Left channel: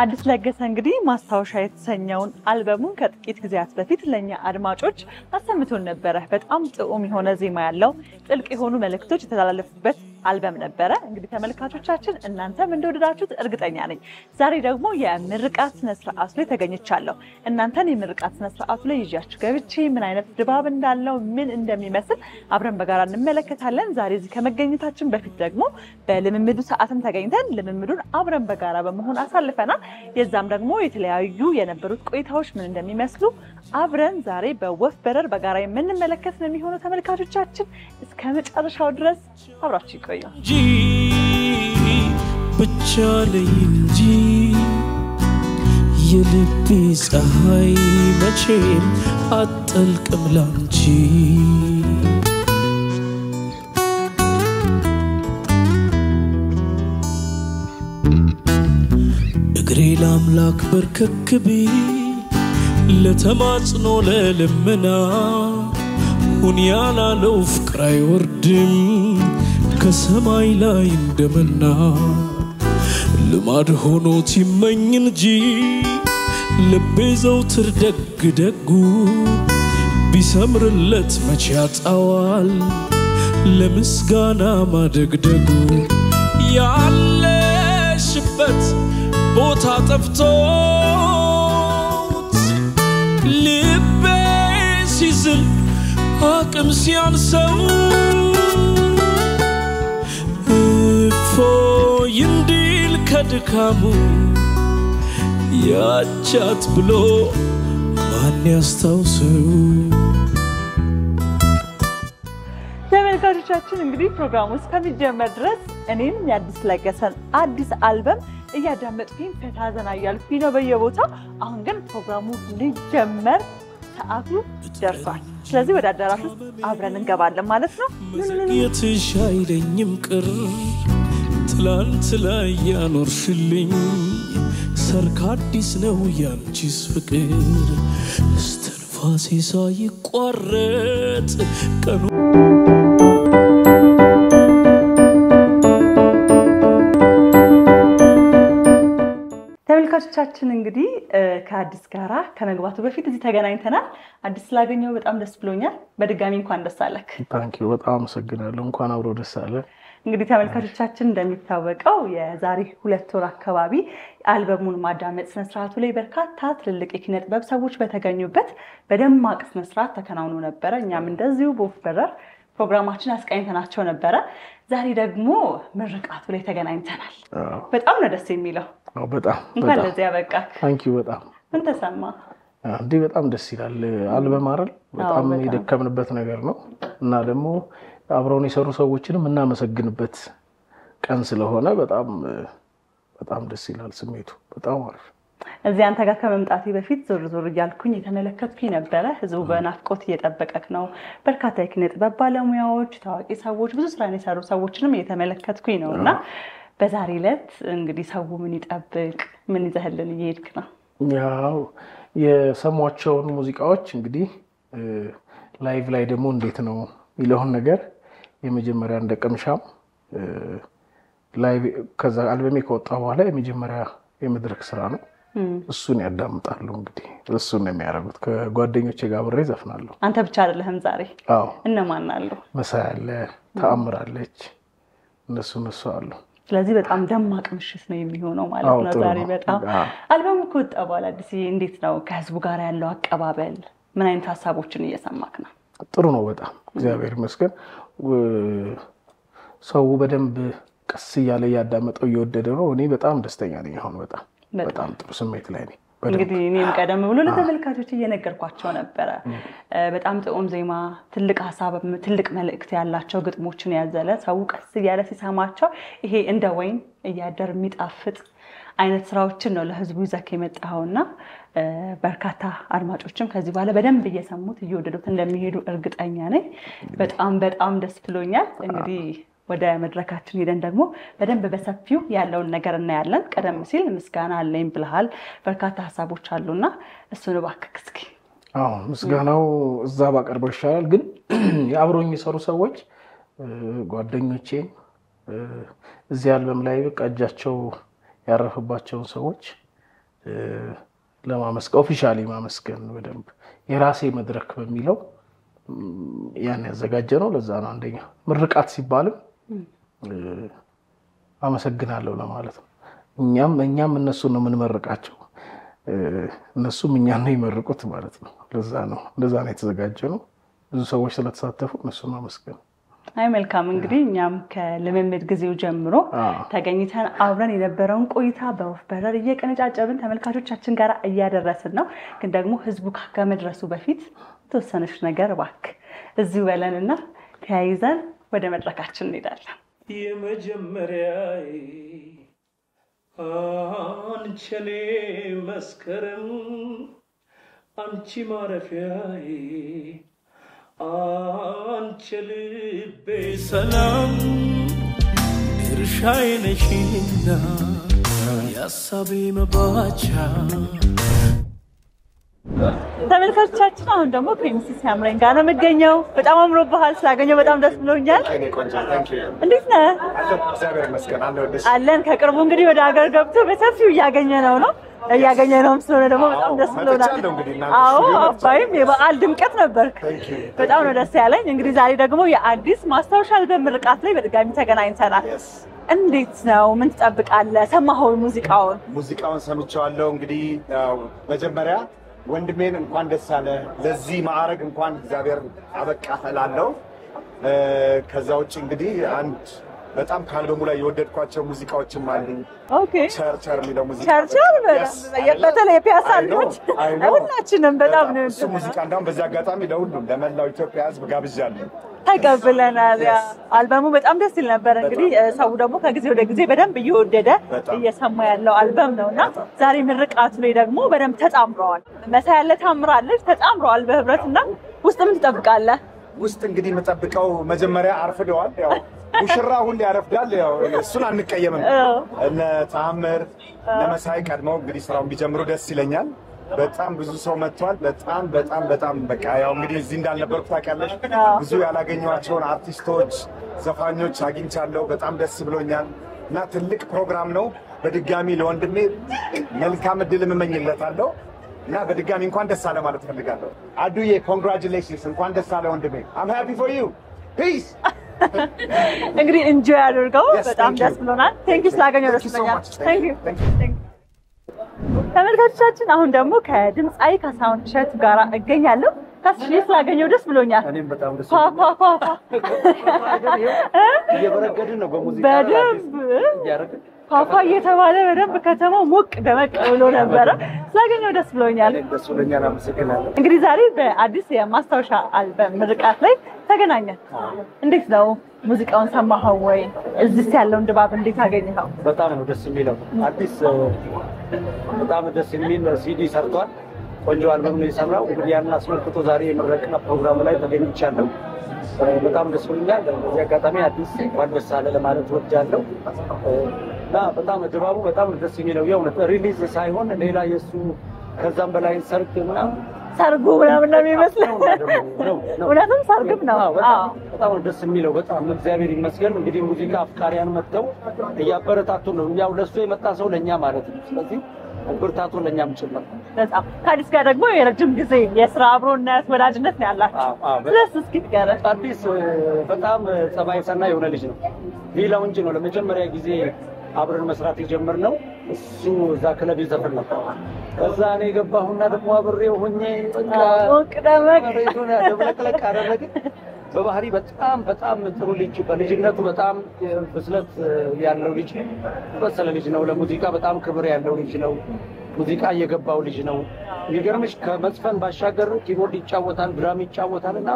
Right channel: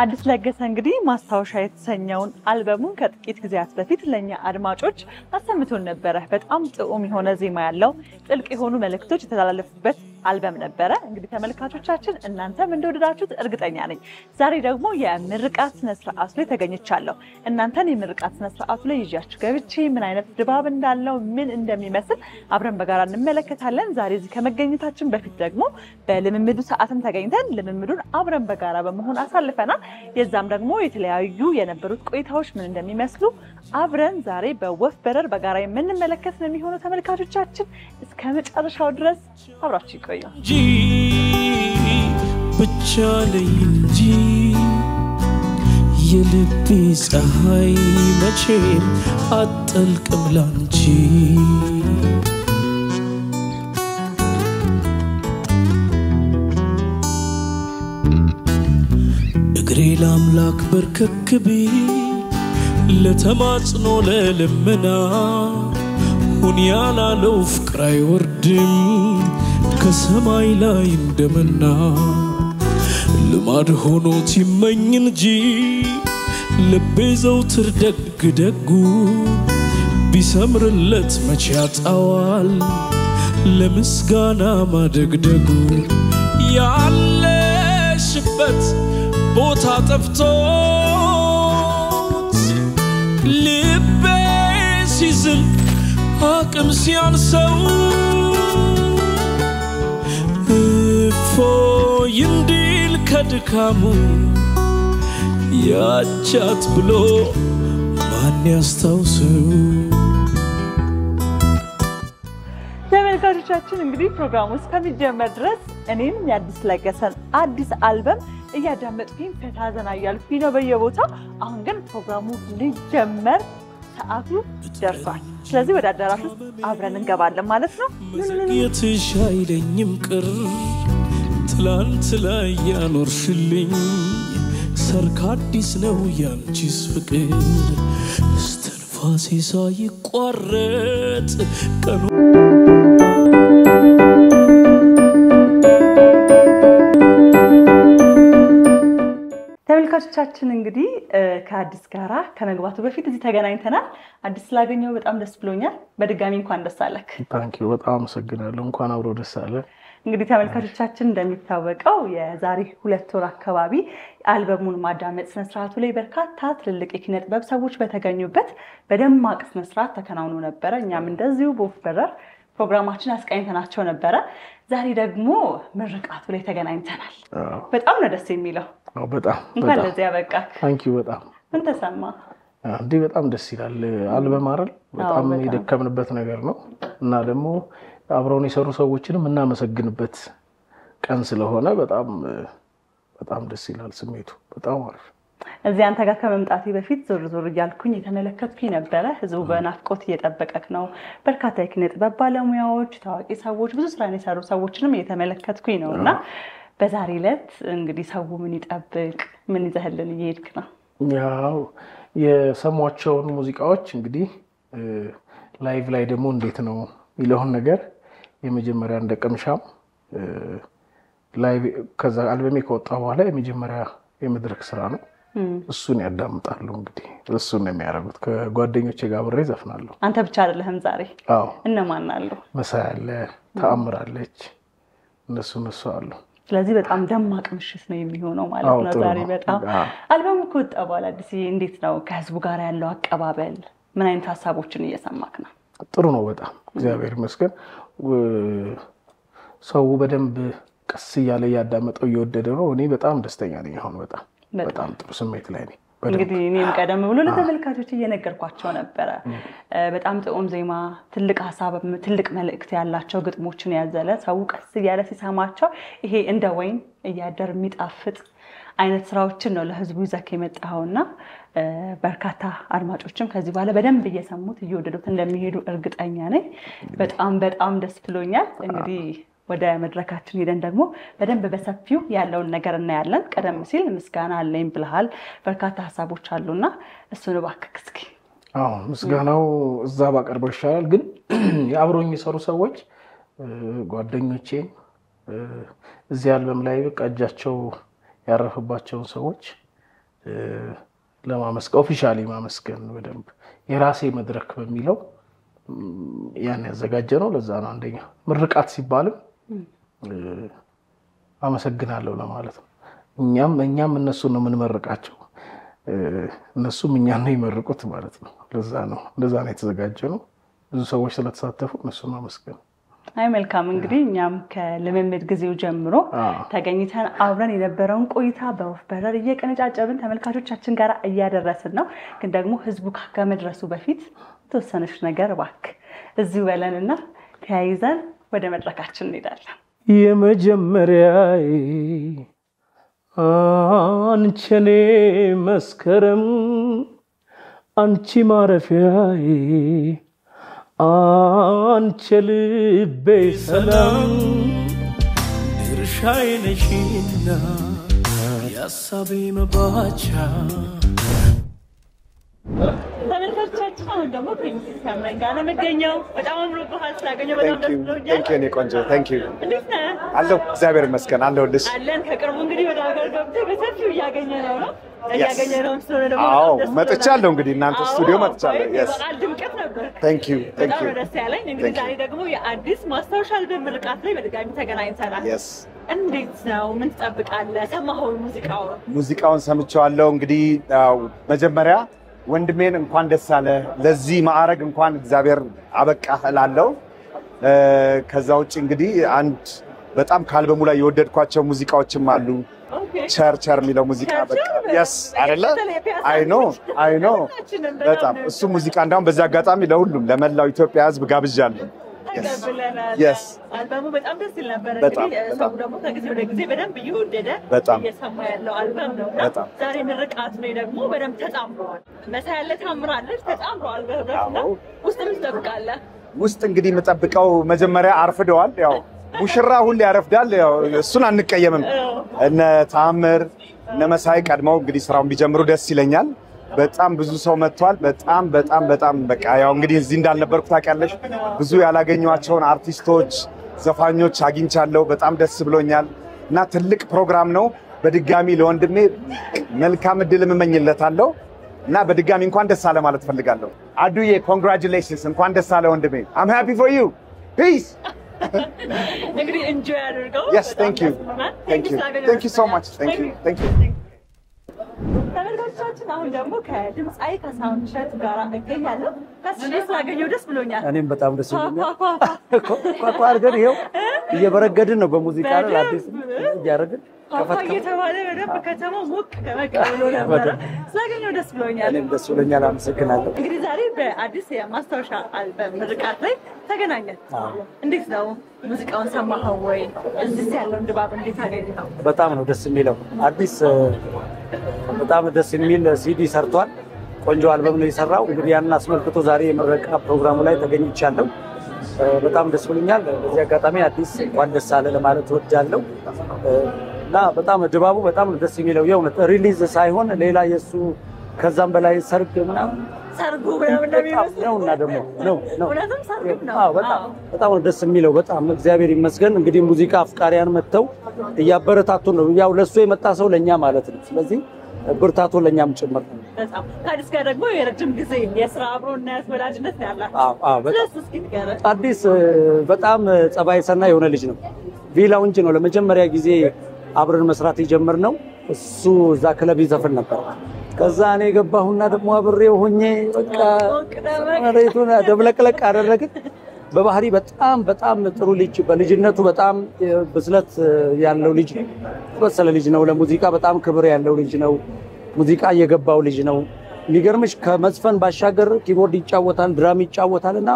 አዲስ ለገሰ እንግዲህ ማስታወሻ የተሰኘውን አልበሙን ከጥቂት ጊዜያት በፊት ለኛ አድማጮች አሰምቶን ነበር። በጣም ጥዑም የሆነ ዜማ ያለው ጥልቅ የሆኑ መልእክቶች የተላለፉበት አልበም ነበር። እንግዲህ ተመልካቾቻችን እናንተም እንደወደዳችሁት እርግጠኛ ነኝ። ዛሬ ደግሞ የምርቃት ስነ ስርዓቱ ላይ ተገኝቻለሁ። እናንተን የምርቃት ስነ ስርዓቱ ላይ ይዣችሁ ገብቼ ምን አይነት ድባብ እንዳለው ምን እንደሚመስል አብረን በጋራ እንመለከታለን። ዛሬ እዚህ ከመገኘታችን በፊት ደግሞ በልምምዱ ሰዓትም ተገኝተን ልምምዱን አብረን በጋራ በመሆን አሳልፈናል። የዛም ደግሞ የተለያዩ የነበሩት ቆይታዎች ምን እንደሚመስሉ አብረን ዛሬ በወፍ በረር በጋራ የምንመለከት ነው የሚሆነው። ተመልካቾቻችን እስከ መጨረሻው ድረስ አብራችሁ ይቆዩ። ብቻ ለይንጂ የልቤ ፀሐይ መቼም አትጠልቅም ላንቺ እግሬ ለአምላክ በርከክቢ ለተማጽኖ ለልመና ሁን ያላለው ፍቅር አይወርድም ከሰማይ ላይ እንደመና ልማድ ሆኖት ይመኝ እንጂ ልቤ ዘውትር ደግ ደጉ ቢሰምርለት መቼ ያጣዋል ለምስጋና ማደግደጉ ያለሽበት ቦታ ጠፍቶት ልቤ ሲዝል አቅም ሲያንሰው ይንዲል ከድካሙ ያቻት ብሎ ማን ያስታውሰው። ተመልካቾቻችን እንግዲህ ፕሮግራሙ እስከሚጀመር ድረስ እኔም የአዲስ ለገሰን አዲስ አልበም እያዳመጥኩኝ ፈታ ዘና እያልኩኝ ነው በየቦታው። አሁን ግን ፕሮግራሙ ሊጀመር ሰዓቱ ደርሷል። ስለዚህ ወደ አዳራሹ አብረን እንገባለን ማለት ነው። የትሻይለኝም ቅር ትላንት ላይ ያኖርሽልኝ ሰርክ አዲስ ነው ያንቺስ ፍቅር እስትንፋሴ ሳይቋረጥ ቀኑ ተመልካቾቻችን እንግዲህ ከአዲስ ጋራ ከመግባቱ በፊት እዚህ ተገናኝተናል። አዲስ ስላገኘው በጣም ደስ ብሎኛል። በድጋሚ እንኳን ደስ አለክ። ታንኪዩ በጣም አመሰግናለሁ። እንኳን አብሮ ደስ አለ። እንግዲህ ተመልካቾቻችን እንደሚታወቀው የዛሬ 2 ወር አካባቢ አልበሙን ማዳመጥ ስነ ስርዓቱ ላይ በርካታ ትልልቅ የኪነ ጥበብ ሰዎች በተገኙበት በደማቅ ስነ ስርዓት ተከናውኖ ነበር። እኛም እንደዚሁ በወፍ በረር ፕሮግራማችን አስቃኝተናቸው ነበር። ዛሬ ደግሞ ምርቃቱ ላይ ተገናኝተናል። በጣም ነው ደስ የሚለው። በጣም እንኳን ለዚህ ያበቃክ። ታንኪዩ በጣም ምን ተሰማ? እንዴ በጣም ደስ ይላል። አልበም አይደል? በጣም የደከምንበት ነገር ነው እና ደግሞ አብረውን የሰሩ ሰዎችንም እናመሰግንበት ቀን ስለሆነ በጣም ደስ ይላል ስሜቱ። በጣም አሪፍ። እዚህ አንተ ጋር ከመምጣቴ በፊት ዞር እያልኩኝ የተመለከትኩኝ ነበር። ህዝቡ በናፍቆት እየጠበቀክ ነው። በርካታ የኪነ ጥበብ ባለሙያዎች፣ ታዋቂ ሰዎች፣ ብዙ ስራ የሰሩ ሰዎችንም እየተመለከትኩኝ ነውና በዛሬ ዕለት እንግዲህ ሰው ምን ይጠብቅ? ምን ይዘህልን እየሄድክ ነው? ያው የሰሟቸውን ሙዚቃዎች እንግዲህ ላይቭ ላይ ደግሞ እንዴት ነው ይለውን ነገር የመጀመሪያ እንደቀምሻም ላይቭ ከዛ አልበሜ ከወጣ በኋላ የመጀመሪያ የመድረክ ስራ ነው። እሱን ያዳምጣሉ እንግዲህ እሱን ነው የሚያደርጉት። ከጓደኞቼ ጋር አብሬ ዘፍናለሁ። አንተ ብቻ አይደለህም ዛሬ? አዎ። እነማን አሉ? መሳይ አለ፣ ተአምራለች፣ እነሱ አሉ። ስለዚህ በጣም ደማቅ ምሽት ነው የሚሆነው ማለት ነው ዛሬ። በጣም አልበሙ ከወጣ በኋላ አዲስ እንዴት ነው ከህዝቡ ጋር ያለው አቀባበል? ምን አይነት ሀሳቦችን እየሰማክ ነው? ጥሩ ነው በጣም እግዚአብሔር ይመስገን። ሰው በደንብ ቀስ እያለ ያዳመጠው እየወደደ ነው። እኔ በጣም ደስተኛ ነኝ። አሁን በጣም ጥሩ ስሜት ላይ ነኝ። እንግዲህ እኔም ቀደም ብሎ ለተመልካቾች እየነገርኳቸው ነበር። በጣም ጥዑም ዜማ፣ ትልቅ ሀሳብ፣ ትልቅ መልእክት ያላቸው ግጥሞችን ያዘለ ሰው ቀስ እያለ ሲሰማቸው ይሄ እንደ ወይን እያደር የሚጣፍጥ አይነት ስራዎችን ነው ለህዝቡ ይዘክ የመጣውና በርካታ አድማጮችም ከዚህ በኋላ በደንብ እየሰሙት እየወደዱት እንደሚሄዱ እርግጠኛ ነኝ። በጣም ደስ ብሎኛል። እንግዲህ ወደ መድረካችን ሄደን ደግሞ በደንብ በሰፊው ያለውን ነገር እናያለን። ቀደም ሲል ምስጋና አለኝ ብለሃል። በርካታ ሀሳቦች አሉና እሱን እባክህ እስኪ። ምስጋናው እዛ ባቀርበው ይሻላል። ግን አብሮኝ የሰሩ ሰዎች ጓደኞቼ እዚህ አልበም ላይ በቃ እጃቸው ያረፈባቸው ሰዎች ለማመስገን ኦፊሻሊ ማመስገን በደንብ የራሴ መድረክ በሚለው ያን ያዘጋጀ ነው። ለዛ ነው አንደኛ ምርቃት ሲባልም አመሰግናለሁ ለማለት ነው። እኛም እነሱን ነው የምንመርቃቸው፣ እነሱም እኛን ነው ይመርቁት ማለት ነው። ለዛ ነው የተዘጋጀ ነው። ብዙ ሰዎች ስለተሳተፉ እነሱን ማመስገን። አይ መልካም እንግዲህ እኛም ከልምምድ ጊዜው ጀምሮ ተገኝተን አብረን የነበረውን ቆይታ በወፍ በረር እየቀነጫጨብን ተመልካቾቻችን ጋር እያደረስን ነው። ግን ደግሞ ህዝቡ ከመድረሱ በፊት ተወሰነሽ ነገር እባክህ እዚሁ በለንና ተያይዘን ወደ መድረካችን እንሄዳለን። የመጀመሪያዬ አንቺ እኔ መስከረም አንቺ ማረፊያዬ አንቺ ልቤ ሰላም ድርሻዬ ነሽና ያሳቤ መባቻ። ተመልካቾቻችን አሁን ደግሞ ፕሪንሲስ ያምረኝ ጋር ነው የምገኘው። በጣም አምሮብሃል፣ ስላገኘው በጣም ደስ ብሎኛል። እንዴት ነህ? አለሁ እግዚአብሔር ይመስገን አለሁልሽ። አለን ከቅርቡ እንግዲህ ወደ ሀገር ገብቶ በሰፊው እያገኘነው ነው ስለሆነ ደግሞ በጣም ደስ ብሎናል። መጥቻለሁ እንግዲህ እናንተ ስቱዲዮ መጥቻለሁ። የበዓል ድምቀት ነበር። በጣም ነው ደስ ያለኝ። እንግዲህ ዛሬ ደግሞ የአዲስ ማስታወሻ አልበም ምርቃት ላይ በድጋሚ ተገናኝተናል። እንዴት ነው? ምን ትጠብቃለህ? ሰማኸው? ሙዚቃውን ሰምቼዋለሁ። እንግዲህ መጀመሪያ ወንድሜን እንኳን ደስ አለ ለዚህ ማዕረግ እንኳን እግዚአብሔር አበቃህ እላለሁ። ከዛ ውጭ እንግዲህ አንድ በጣም ከአልበሙ ላይ የወደድኳቸው ሙዚቃዎችም አሉ። ቸርቸር የሚለው ሙዚቃ አይ ነው እሱ ሙዚቃ እንዳውም በዚህ አጋጣሚ ለሁሉም ለመላው ኢትዮጵያ ሕዝብ ጋብዣለሁ። ተቀብለናል። አልበሙ በጣም ደስ ይል ነበር። እንግዲህ ሰው ደግሞ ከጊዜ ወደ ጊዜ በደንብ እየወደደ እየሰማ ያለው አልበም ነውና ዛሬ ምርቃቱ ላይ ደግሞ በደንብ ተጣምረዋል። መሳይ ያለ ታምራለች ተጣምረዋል በህብረትና ውስጥ ምን ትጠብቃለህ? ውስጥ እንግዲህ የምጠብቀው መጀመሪያ አርፍደዋል። ያው ሙሽራ ሁሌ ያረፍዳል። ያው እሱን አንቀየምም። እነ ታምር እነ መሳይ ቀድመው እንግዲህ ስራውን ቢጀምሩ ደስ ይለኛል። በጣም ብዙ ሰው መጥቷል። በጣም በቃ ያው እንግዲህ እዚህ እንዳልነበርኩ ታውቂያለሽ። ብዙ ያላገኘኋቸውን አርቲስቶች፣ ዘፋኞች አግኝቻለሁ። በጣም ደስ ብሎኛል እና ትልቅ ፕሮግራም ነው። በድጋሚ ለወንድሜ መልካም እድል እመኝለታለሁ እና በድጋሚ እንኳን ደስ አለ ማለት ፈልጋለሁ። አዱዬ ኮንግራቹሌሽንስ፣ እንኳን ደስ አለ ወንድሜ። I'm happy for you. Peace. እንግዲህ ኢንጆይ አድርገው። በጣም ደስ ብሎናል። Thank you ስላገኘው። Thank you so much. Thank you. ተመልካቾቻችን አሁን ደግሞ ከድምጻዊ ካሳሁን እሸቱ ጋር እገኛለሁ። ታስሽ ስላገኘው ደስ ብሎኛል። እኔም በጣም ደስ ብሎኛል። እየበረገድን ነው በሙዚቃ አዲስ እያደረግን ፋፋ እየተባለ በደንብ ከተማው ሞቅ ደመቅ ብሎ ነበረ። ስላገኘው ደስ ብሎኛል። ደስ ብሎኛል። አመሰግናለሁ። እንግዲህ ዛሬ በአዲስ የማስታወሻ አልበም ምርቃት ላይ ተገናኘን። እንዴት ነው? ሙዚቃውን ሰማኸው ወይ? እዚህ ያለውን ድባብ እንዴት አገኘኸው? በጣም ነው ደስ የሚለው። አዲስ በጣም ደስ የሚል ሲዲ ሰርቷል። ቆንጆ አልበም ነው የሰራው። እንግዲህ ያን አስመልክቶ ዛሬ የምረቃ ፕሮግራሙ ላይ ተገኝቻለሁ። በጣም ደስ ብሎኛል። በዚህ አጋጣሚ አዲስ እንኳን ደስ አለ ለማለት እወዳለሁ እና በጣም ድባቡ በጣም ደስ የሚለው የእውነት ሪሊዝ ሳይሆን ሌላ የሱ ከዛም በላይ ሰርግ ምናምን ሰርጉ ምናምን ነው የሚመስለው። እውነትም ሰርግም ነው። በጣም ደስ የሚለው በጣም እግዚአብሔር ይመስገን። እንግዲህ ሙዚቃ አፍቃሪያን መጥተው እያበረታቱ ነው። ያው ለሱ የመጣ ሰው ለኛ ማለት ነው። ስለዚህ ብርታቱ ለኛም ጭምር ነው። በጣም ከአዲስ ጋር ደግሞ የረጅም ጊዜ የስራ አብሮነት ወዳጅነት ነው ያላችሁ። ስለሱ እስኪ ንገረን። አዲስ በጣም ጸባይ ሰና የሆነ ልጅ ነው። ቪላውንጅ ነው ለመጀመሪያ ጊዜ አብረን መስራት የጀመርነው። እሱ እዛ ክለብ ይዘፍን ነበር። ከዛ እኔ ገባሁና ደግሞ አብሬው ሆኜ በቃ ደብለቅለቅ አደረግን። በባህሪ በጣም ጥሩ ልጅ፣ በልጅነቱ በጣም ብስለት ያለው ልጅ፣ በሰለ ልጅ ነው። ለሙዚቃ በጣም ክብር ያለው ልጅ ነው። ሙዚቃ የገባው ልጅ ነው። የሚገርምሽ ከመዝፈን ባሻገር ኪቦርድ ይጫወታል፣ ድራም ይጫወታልና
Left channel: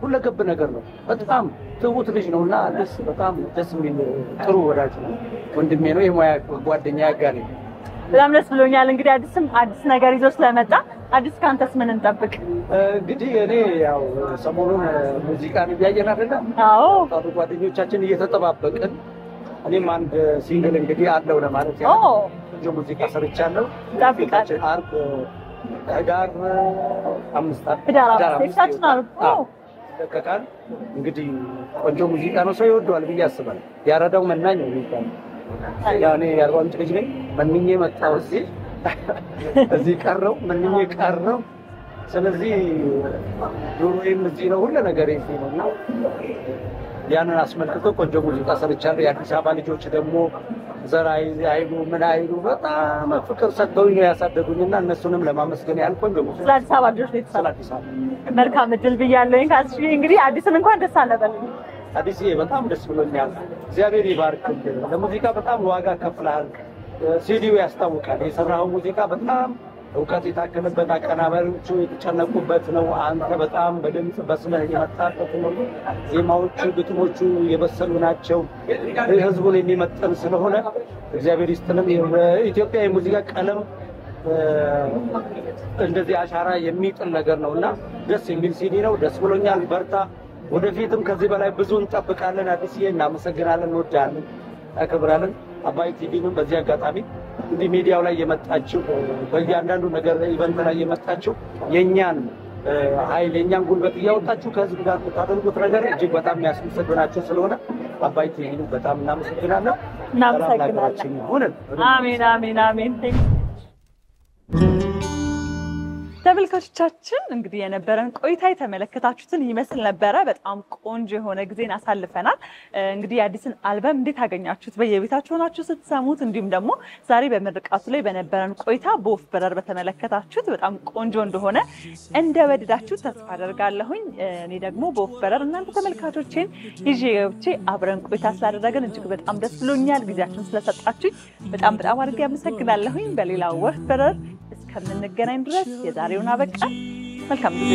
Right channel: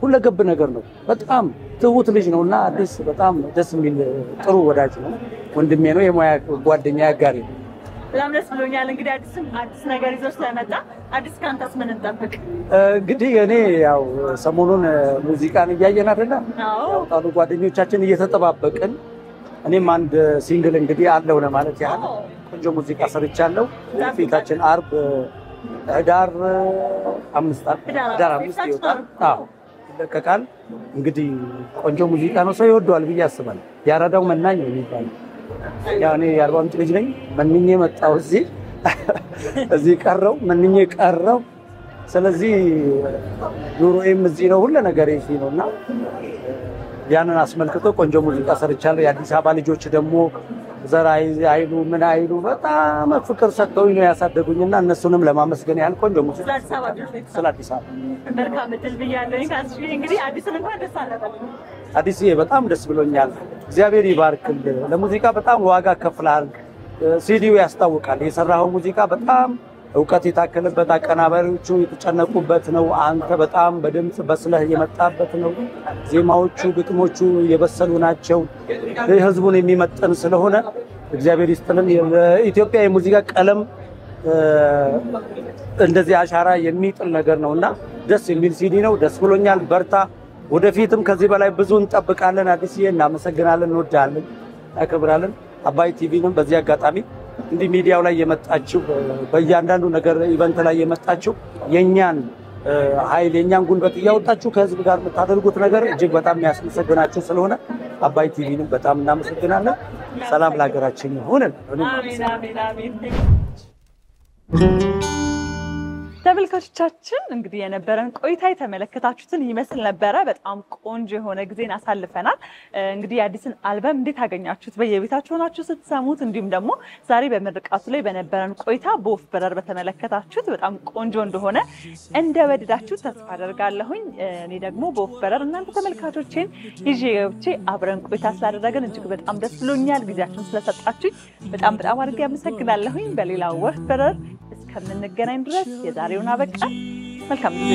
ሁለገብ ነገር ነው። በጣም ትሁት ልጅ ነውና አዲስ በጣም ደስ የሚል ጥሩ ወዳጅ ነው። ወንድሜ ነው፣ የሙያ ጓደኛ ያጋሪ። በጣም ደስ ብሎኛል። እንግዲህ አዲስ ነገር ይዞ ስለመጣ አዲስ ካንተስ ምን እንጠብቅ? እንግዲህ እኔ ያው ሰሞኑን ሙዚቃን እያየን አይደለ? አዎ ጓደኞቻችን እየተጠባበቅን እኔም አንድ ሲንግል እንግዲህ አለው ለማለት ያህል ቆንጆ ሙዚቃ ሰርቻለሁ። ፊታችን አርብ ዳር 5 ይለቀቃል። እንግዲህ ቆንጆ ሙዚቃ ነው፣ ሰው ይወደዋል ብዬ አስባለሁ። ያራዳው መናኝ ነው የሚባለው። ያው እኔ የአርባ ምንጭ ልጅ ነኝ። መንኜ መጣሁ እዚህ እዚህ ቀረው ምንኝ ቀረው ስለዚህ ኑሮዬም እዚህ ነው ሁሉ ነገር እዚህ ነውና ያንን አስመልክቶ ቆንጆ ሙዚቃ ሰርቻለሁ የአዲስ አበባ ልጆች ደግሞ ዘራይ አይሉ ምን አይሉ በጣም ፍቅር ሰጥተውኝ ነው ያሳደጉኝና እነሱንም ለማመስገን ያህል ቆንጆ ሙዚቃ አዲስ አበባ ልጆች አዲስ አበባ መልካም እድል ብያለሁኝ ካስሽ እንግዲህ አዲስን እንኳን ደስ አለበልኝ አዲስዬ በጣም ደስ ብሎኛል እግዚአብሔር ይባርክልህ ለሙዚቃ በጣም ዋጋ ከፍለሃል ሲዲው ያስታውቃል የሰራው ሙዚቃ በጣም እውቀት የታከለበት አቀናባሪዎቹ የተጨነቁበት ነው አንተ በጣም በድምጽ በስለህ የመጣበት ነው ዜማዎቹ ግጥሞቹ የበሰሉ ናቸው ህዝቡን የሚመጥን ስለሆነ እግዚአብሔር ይስጥልን ኢትዮጵያ የሙዚቃ ቀለም እንደዚህ አሻራ የሚጥል ነገር ነውና ደስ የሚል ሲዲ ነው ደስ ብሎኛል በርታ ወደፊትም ከዚህ በላይ ብዙ እንጠብቃለን አዲስዬ እናመሰግናለን እንወዳለን አከብራለን አባይ ቲቪንም በዚህ አጋጣሚ እንዲህ ሚዲያው ላይ የመጣችው በእያንዳንዱ ነገር ኢቨንት ላይ የመጣችው የኛን ኃይል የኛን ጉልበት ያወጣችሁ ከህዝብ ጋር ተታደርጉት ነገር እጅግ በጣም ያስመሰግናችሁ ስለሆነ አባይ ቲቪንም በጣም እናመሰግናለን ሰላም ለሀገራችን ይሁን አሜን አሜን አሜን ተመልካቾቻችን እንግዲህ የነበረን ቆይታ የተመለከታችሁትን ይመስል ነበር በጣም ቆንጆ የሆነ ጊዜን አሳልፈናል እንግዲህ አዲስን አልበም እንዴት አገኛችሁት በየቤታችሁ ሆናችሁ ስትሰሙት እንዲሁም ደግሞ ዛሬ በመርቃቱ ላይ በነበረን ቆይታ በወፍ በረር በተመለከታችሁት በጣም ቆንጆ እንደሆነ እንደወደዳችሁ ተስፋ አደርጋለሁኝ እኔ ደግሞ በወፍ በረር እናንተ ተመልካቾችን ይዤ አብረን ቆይታ ስላደረግን እጅግ በጣም ደስ ብሎኛል ጊዜያችሁን ስለሰጣችሁኝ በጣም አድርጌ አመሰግናለሁኝ በሌላ ወፍ በረር እስከምንገናኝ ድረስ የዛሬውን አበቃ መልካም ጊዜ